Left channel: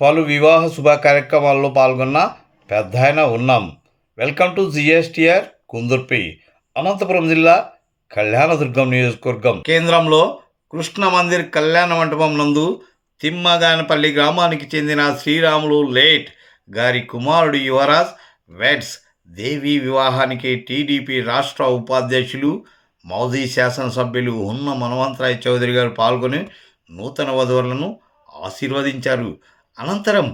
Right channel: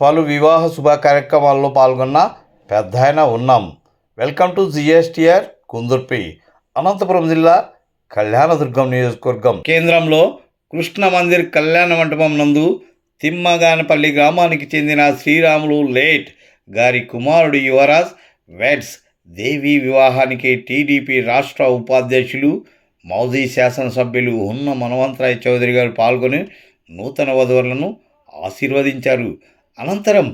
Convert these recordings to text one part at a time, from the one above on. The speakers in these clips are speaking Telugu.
పలు వివాహ శుభ కార్యక్రమాల్లో పాల్గొన్న పెద్దాయన ఉన్నాం. Welcome to GSTR Kundurpi, Anantapuram జిల్లా కళ్యాణదుర్గం నియోజకవర్గం కేంద్రంలో కృష్ణ మందిర్ కళ్యాణ మండపం నందు తిమ్మగానపల్లి గ్రామానికి చెందిన శ్రీరాములు లేట్ గారి కుమారుడు యువరాజ్ వెడ్స్ దేవి వివాహానికి టీడీపీ రాష్ట్ర ఉపాధ్యక్షులు మాజీ శాసనసభ్యులు హున్న మనవంతరాయ్ చౌదరి గారు పాల్గొని నూతన వధువులను ఆశీర్వదించారు. అనంతరం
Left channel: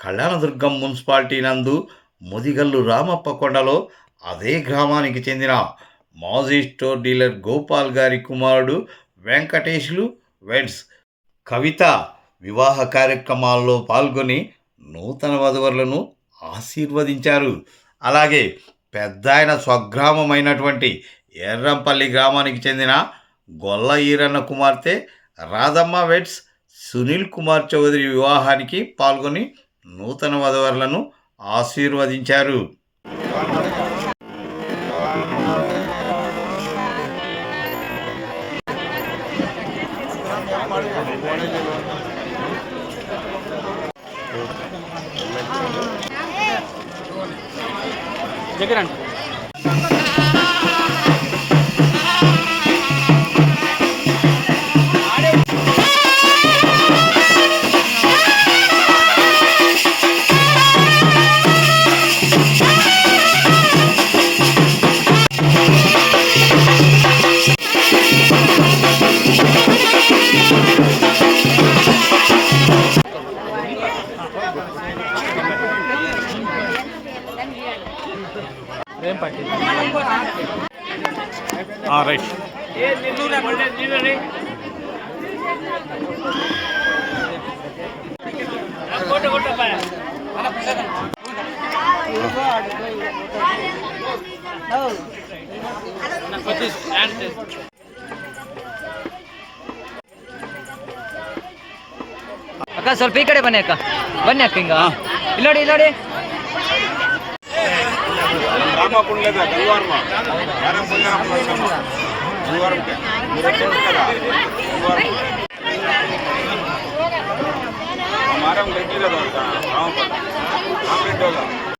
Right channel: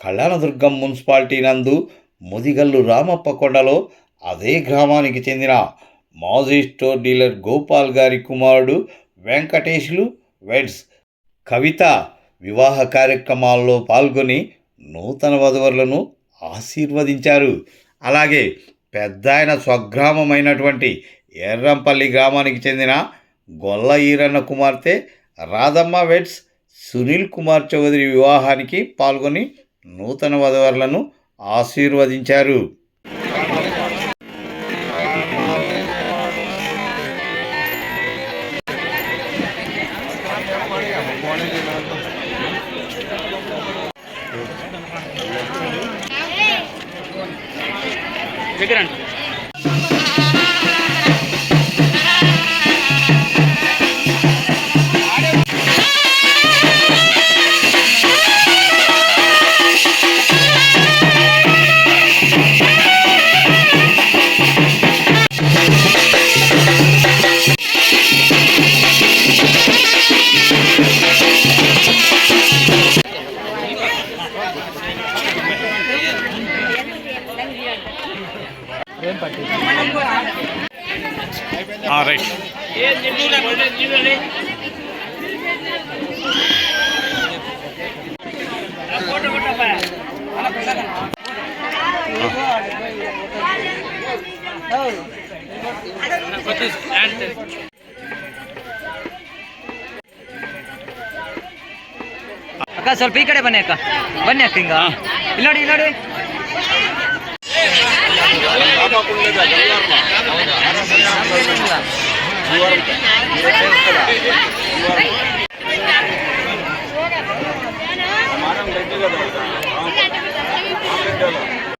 కళ్యాణదుర్గం మున్సిపాలిటీ నందు ముదిగల్లు రామప్ప కొండలో అదే గ్రామానికి చెందిన మాజీ స్టోర్ డీలర్ గోపాల్ గారి కుమారుడు వెంకటేష్లు వెడ్స్ కవిత వివాహ కార్యక్రమాల్లో పాల్గొని నూతన వధువులను ఆశీర్వదించారు. అలాగే పెద్దాయన స్వగ్రామమైనటువంటి ఎర్రంపల్లి గ్రామానికి చెందిన గొల్ల ఈరన్న కుమార్తె రాధమ్మ వెడ్స్ సునీల్ కుమార్ చౌదరి వివాహానికి పాల్గొని నూతన వధువులను ఆశీర్వదించారు. రైట్ ಅಕ್ಕ ಸ್ವಲ್ಪ ಈ ಕಡೆ ಬನ್ನಿ ಅಕ್ಕ, ಬನ್ನಿ ಅಕ್ಕ, ಹಿಂಗ ಇಲ್ಲೋಡಿ ಇಲ್ಲೋಡಿ.